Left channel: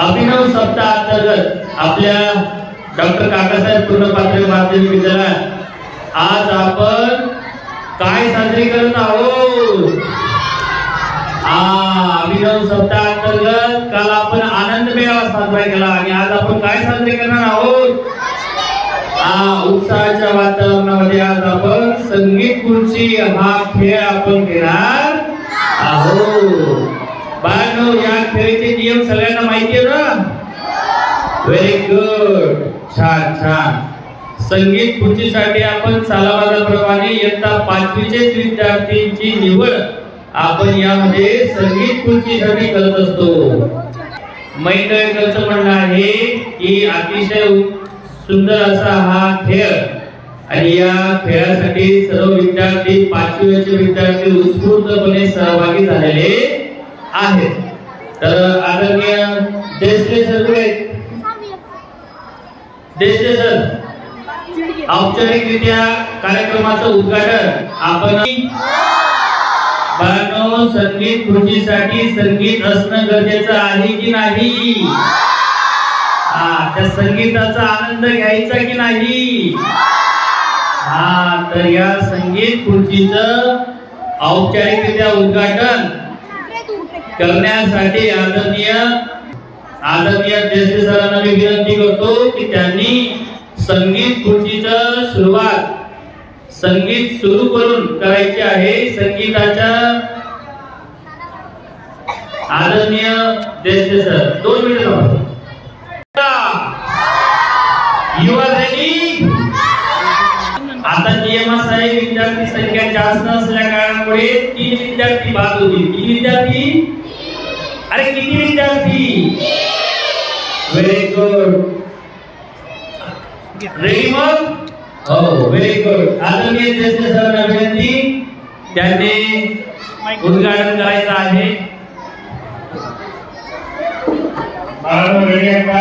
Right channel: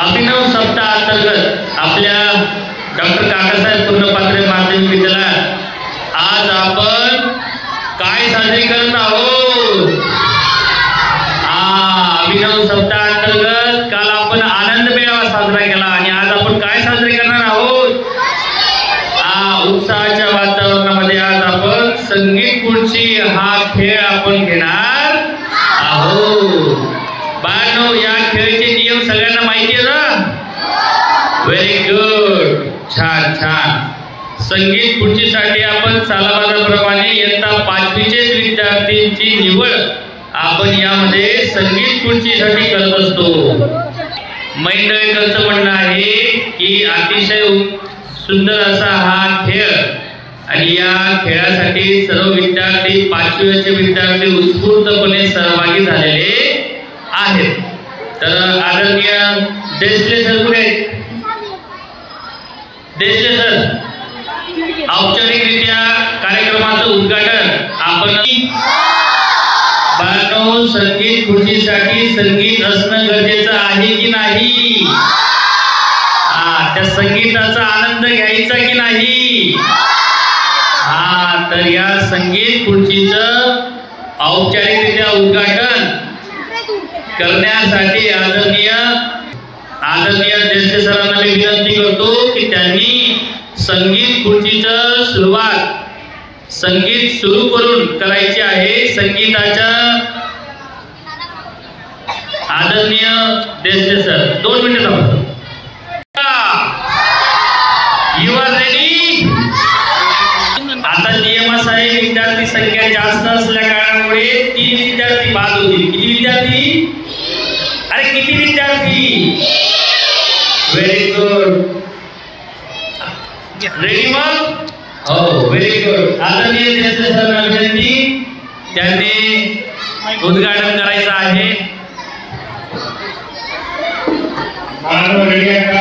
अभिनव सप्ताह अंतर्गत आपल्या डॉक्टर काकासाहेब पूर्णपात्रे माध्यमिक विद्यालयात आज आपण काय साजरी करत आहोत? अभिनव सप्ताह अंतर्गत काल आपण आनंद मेळावा साजरा केला आणि आज आपण काय साजरे करणार आहोत? उत्साहाच्या वातावरणामध्ये आज आपण संगीत खुर्ची हा खेळ आपण घेणार आहोत. बाळांनो, या खेळाचे नियम सगळ्यांना माहिती आहे ना? व्हेरी गुड, छान छान. संगीत खुर्चीसाठी आपण सालाबादाप्रमाणे इयत्ता 5वीचेच विद्यार्थ्यांची निवड आपण यामध्ये संगीत खुर्चीसाठी करत असतो. मंडळीकरांचं म्हणणं आहे की अतिशय सुंदर असा हा खेळ आणि या खेळासाठी सर्व विद्यार्थी 5वीचे विद्यार्थी उत्स्फूर्तपणे सहभागी झालेले आहेत. तर आदरणीय देशले सर कुठे? देशले सर, औपचारिकरित्या कार्यक्रमाचं उद्घाटन आपण. बाळांनो, संगीत खुर्चीसाठी संगीत असणं गरजेचं आहे की नाही? त्या संगीताचा आनंद घ्यायचा की नाही? तर या संगीत खुर्चीचं औपचारिकरित्या उद्घाटन करण्यासाठी आदरणीय देशले सरांना मी विनंती करतो की त्यांनी संगीत खुर्चीचं सुरुवात संगीत सुरू करून करायची आहे. संगीताच्या आदरणीय देशले सर 2 मिनिटं थांबा. You are ready? आता नियम असा आहे, विद्यार्थी संख्या जास्त असल्या कारणामुळे 3 विद्यार्थी बाद होतील. किती विद्यार्थी? अरे किती विद्यार्थी? Very good. रेडी मग? हो, व्हेरी गुड. आदरणीय देशले सरांना विनंती, त्यांनी उद्घाटन करायचं आहे. रेडी आहे का?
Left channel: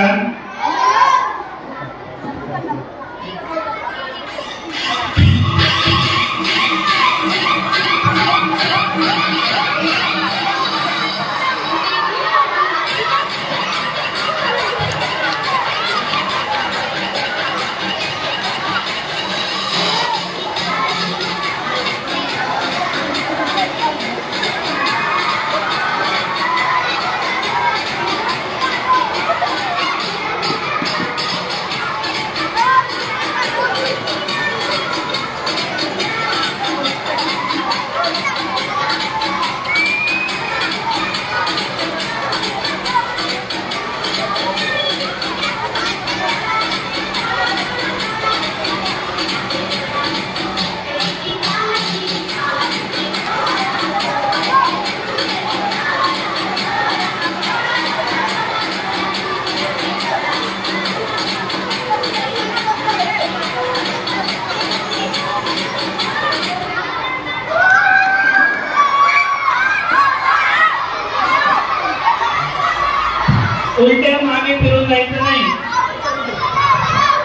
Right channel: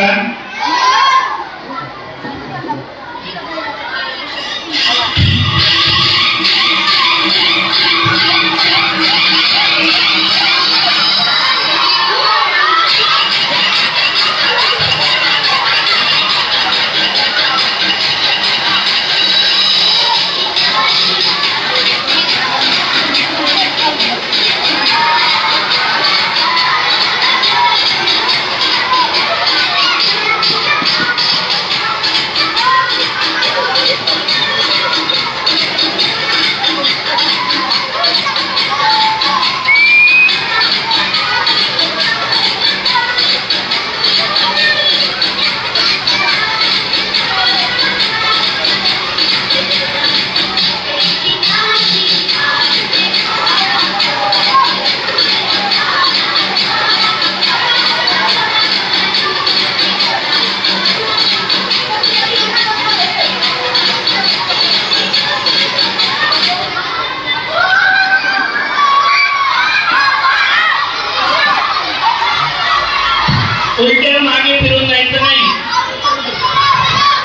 उलट्या मागे फिरून जायचं नाही.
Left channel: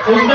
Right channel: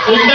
उलट